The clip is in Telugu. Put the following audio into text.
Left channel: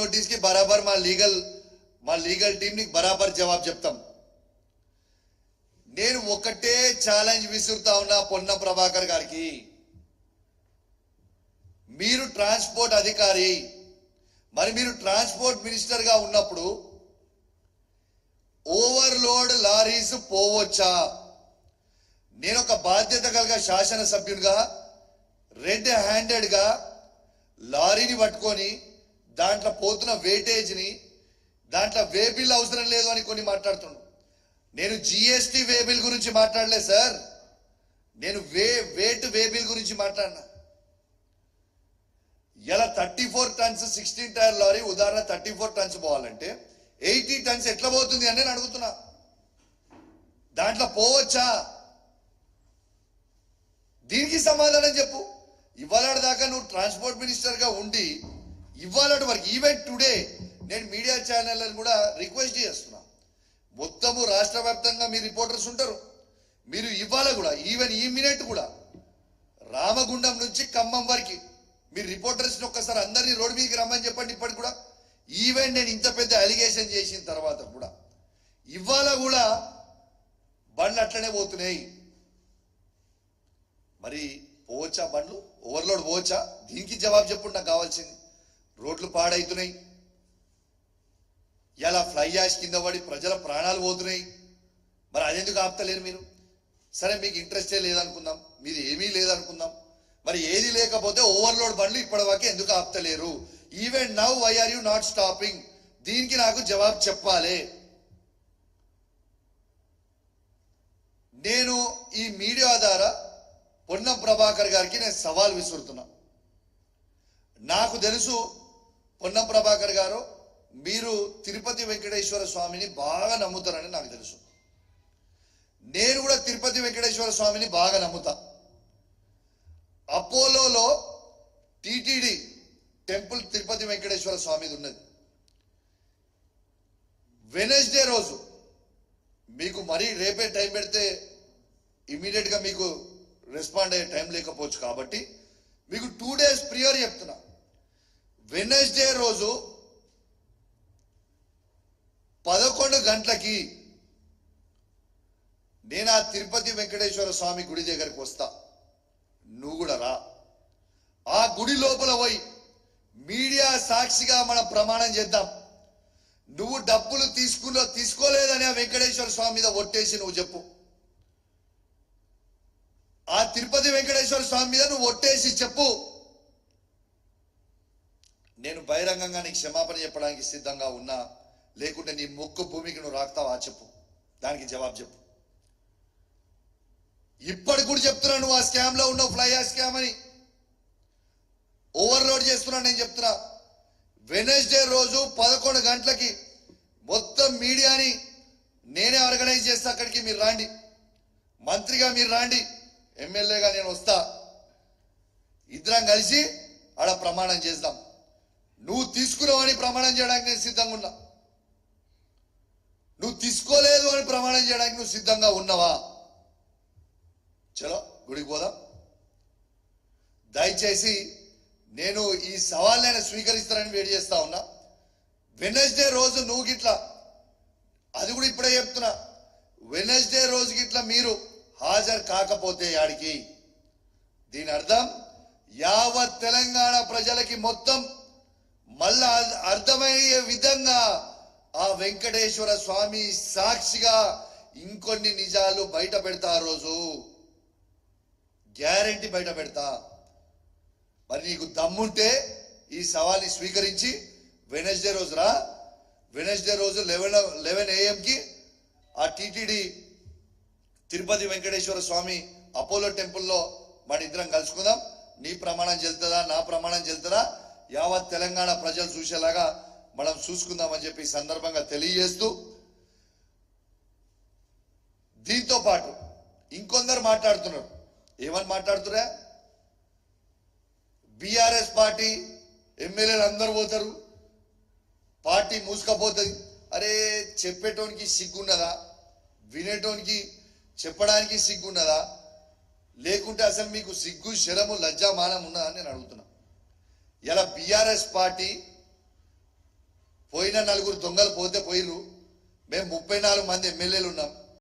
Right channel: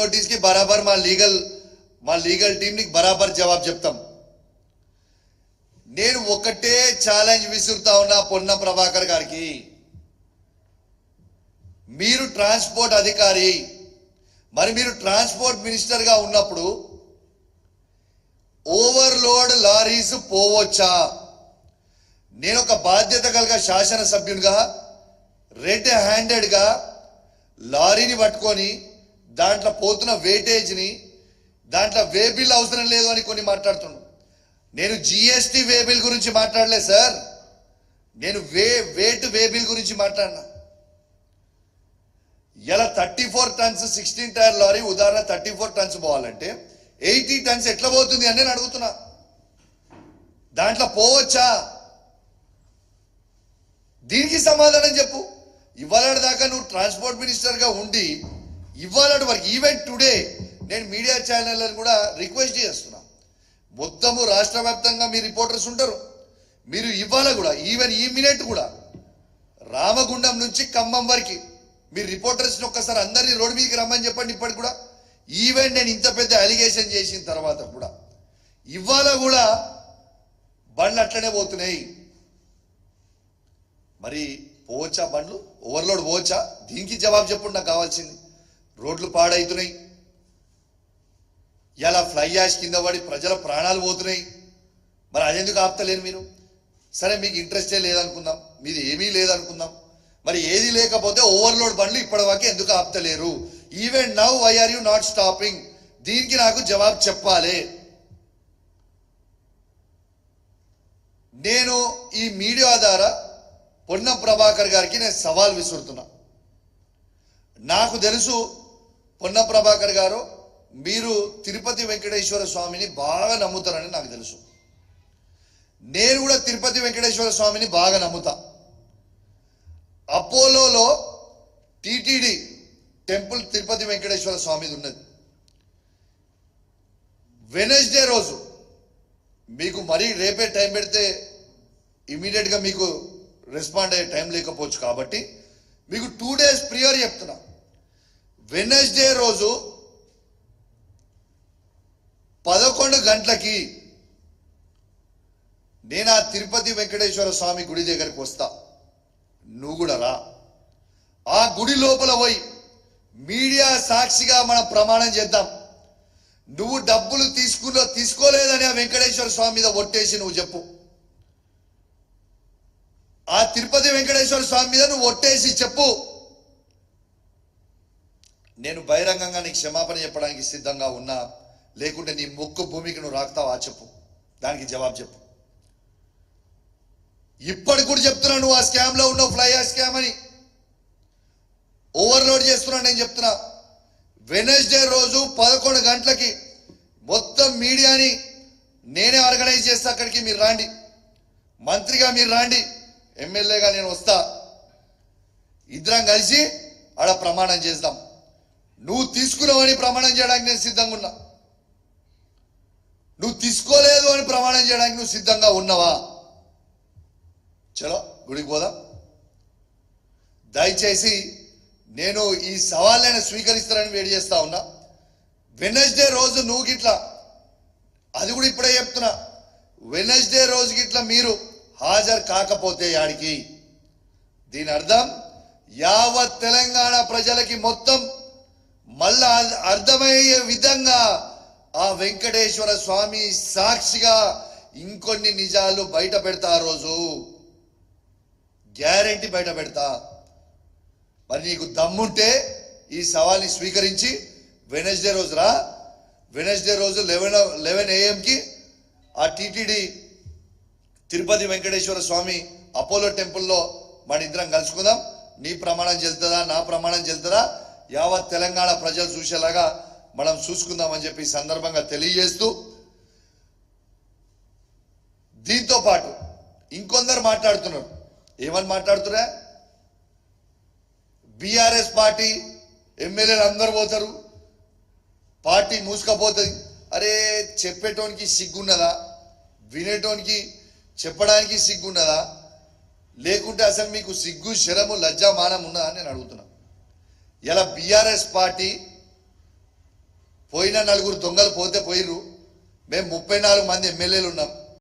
नोटिस की बराबर మా లీగల్ టీం ని బరాబర్ జవాబు చెప్తాం. నేను ఒకటే ఛాలెంజ్ విసురుతా ఉన్నా పొన్నం ప్రభాకర్ గారికి, మీరు ట్రాన్స్పోర్ట్ అధికారి, మరి మీరు ట్రాన్స్పోర్ట్ మినిస్టర్ గా ఉన్నప్పుడు ఓవర్లోడ్ లారీస్ పోవచ్చా? నేను ఒక బాధ్యత కలిగిన శాసనసభ్యునిగా రెడ్ హ్యాండెడ్ గా లారీని పట్టుకొని దాంట్లో పోతున్న వేటేజ్ని, దాంట్లో వే బిల్ అవసరం లేదు అని కొన్ని మాట్లాడుతున్నాను. నేను జిఎస్టీ వే బిల్ గురించి మాట్లాడలేదు సార్, నేను వే బిల్ గురించి మాట్లాడినా. ఇలా 34 టన్స్ 16 టైర్ లారీ ఉదాహరణ 34 టన్స్ పోవాలంటే 80 టన్స్ ఎట్లా పోతుంది అని నేను అడుగుతున్నా. దాంట్లో పోవచ్చా? దీనికి సమాధానం చెప్పు. ఇవాళ దాకా నువ్వు ట్రాన్స్పోర్ట్ మినిస్టర్గా ఉండి ఇవాళ వరకు ఈవెన్ టుడే నేను మీడియా ఛానళ్ళని కూడా రిక్వెస్ట్ చేస్తున్నా, మొత్తము రాష్ట్ర వ్యాప్తంగా మీ రిపోర్టర్స్ ఉంటారు, మీరు ఇవాళ కూడా ఈవెన్ ఈ మినిట్ కూడా రామగుండం నుంచి ఖమ్మం వరకు మీరు రిపోర్టర్స్ని ఒక్కసారి అందరినీ రోడ్డు మీదకి రమ్మని చెప్పండి. ఇప్పటికి కూడా ఈవెన్ నేను ఇంత పెద్ద అలిగేషన్ చేసిన తర్వాత కూడా ఇవాళ కూడా బండ్లు అట్లనే పోతున్నాయి. మరి పోవచ్చా బండ్లు? ఓవర్లోడ్ పోవచ్చా? దీనికి జవాబు చెప్పండి. నాకు కావాల్సింది, రోడ్లు పాడవుతున్నాయి, ఇలా ఫ్లై యాష్ కింద పడి ప్రజల ప్రాణాలు పోతున్నాయి. మరి అదెందుకు ఆపుతలేరు మీరు? సరే మీకు ఇంట్రెస్టే లేదనుకుందాం, మీది ఏమీ లేదనుకుందాం, మరి ఏది లేకపోతే ఓవర్లోడ్ బండ్లు ఇప్పటివరకు ఎందుకు ఆపుతలేరు? Even now why are you not stopping? దీనికి నాకు జవాబు చెప్పాలి. నేను ఈ మీడియా ద్వారా పొన్నం ప్రభాకర్ గారికి నేను సవాల్ విసురుతున్నా. నాకు తెలుసు పొన్నం ప్రభాకర్ గారు మీరు తిరుపతి వెంకటేశ్వర స్వామిని బాగా నమ్ముతారని నాకు తెలుసు. నేను కూడా తిరుపతి వెంకటేశ్వర స్వామిని బాగా నమ్ముతా. అపోలోలో టిటిడి టెంపుల్ తిరుపతి వెంకటేశ్వర స్వామిది ఉన్నది. వెనస్డే రోజు మీకు మరీ రేపే టైం పెడితే ఇమీడియట్గా మీకు రెస్పాండ్ అయ్యే టైం లేకపోవచ్చు కాబట్టి మీకు 2 days ప్రియర్ చెప్తున్నా. వెనస్డే రోజు 11 గంటలకి నేను ఆ తిరుపతి వెంకటేశ్వర స్వామి గుడి దగ్గరికి వస్తా. నువ్వు కూడా రా. ఆ గుడి లోపల పోయి మీడియా సాక్షిగా మనం ప్రమాణం చేద్దాం. నువ్వు డబ్బులు తీసుకోలేదని ఆ వెంకటేశ్వర స్వామి మీద ఒట్టేసి నువ్వు చెప్పు. ఆ తిరుపతి వెంకటేశ్వర స్వామి మీద నువ్వు ఒట్టేసి చెప్పు. నేను బహిరంగంగా నీకు క్షమాపణ చెప్పడానికి సిద్ధంగా ఉన్నా, లేకుంటే నీ మొక్కు భూమికి నువ్వు రాస్తావా చెప్పు. దానికి జవాబు చెప్పు. ఇప్పటికి కూడా చెప్తున్నా, నువ్వు ఆ స్కామ్ లో ఉన్నావు, ఫ్లై యాష్ స్కామ్ అని ఓవర్లోడ్ చేస్తున్నా. నేను చెప్తున్నా, వెనస్డే రోజు 11 గంటలకి మొత్తం మీడియాని నేనే ఆర్గనైజ్ చేస్తా. అక్కడికి మీరు రాండి, మంత్రిగా మీరు రాండి, ఎమ్మెల్యేగా నేను వస్తా. ఇద్దరం కలిసి ఆడ ప్రమాణం చేద్దాం. నువ్వు తీసుకున్నావని ప్రమాణం చేయడానికి నేను సిద్ధంగా ఉన్నా. నువ్వు తీసుకోలేదు అని ప్రమాణం చేయడానికి నువ్వు సిద్ధంగా ఉన్నావా? చలో గుడికి పోదాం. దయచేసి నేను ఈ సవాళ్ళైనా స్వీకరిస్తానని వేడి చేస్తా ఉన్నా. వెనస్డే రోజు నువ్వు గిట్లా, అది కూడా ఇప్పుడే చెప్తున్నా, వెనస్డే రోజు గిట్లా మీరు హాజరు కాకపోతే యాడికి, దీని అర్థం యావత్ తెలంగాణ ప్రజలకి మొత్తం మళ్ళా అర్థమయ్యే విధంగా ఆ వెంకటేశ్వర స్వామి సాక్షిగా ఇంకొన్ని నిజాలు బయట పెడతా. ఆ రోజు గ్యారెంటీ బయట పెడతా. మరి నీకు దమ్ముంటే ఈ సవాల్ని స్వీకరించి వెనస్డే రోజు రా. వెనస్డే రోజు 11 AM ఆ టిటిడి తిరుపతి వెంకటేశ్వర స్వామి అపోలో టెంపుల్లో మన ఇద్దరం కలుసుకుందాం. నీ ప్రమాణం చెల్తుందా, నా ప్రమాణం చెల్తుందా, యావత్ తెలంగాణ ప్రజలు చూసేలాగా మనం చూసుకుందామని చెప్పి సందర్భంగా తెలియజేస్తూ, దీంతో పాటు ఇంకొందరు మాట్లాడుతున్నారు. ఏమని మాట్లాడుతున్నా? బీఆర్ఎస్ పార్టీ ఎమ్మెల్యేలు అందరు పోతారు, పార్టీ మూసుకపోతుంది. అరే చెప్పేటోనికి సిగ్గున్నదా? వినేటోనికి చెప్పడానికి సిగ్గున్నదా? లేకుంటే అసలు మీకు సిగ్గు శరము లజ్జా మానం ఉన్నదా అని నేను అడుగుతున్నా. ఇలా బీఆర్ఎస్ పార్టీ పోయిన 4 దొంగలు పోతే పోయిర్రు. మేము 34 మంది ఎమ్మెల్యేలు ఉన్నాం.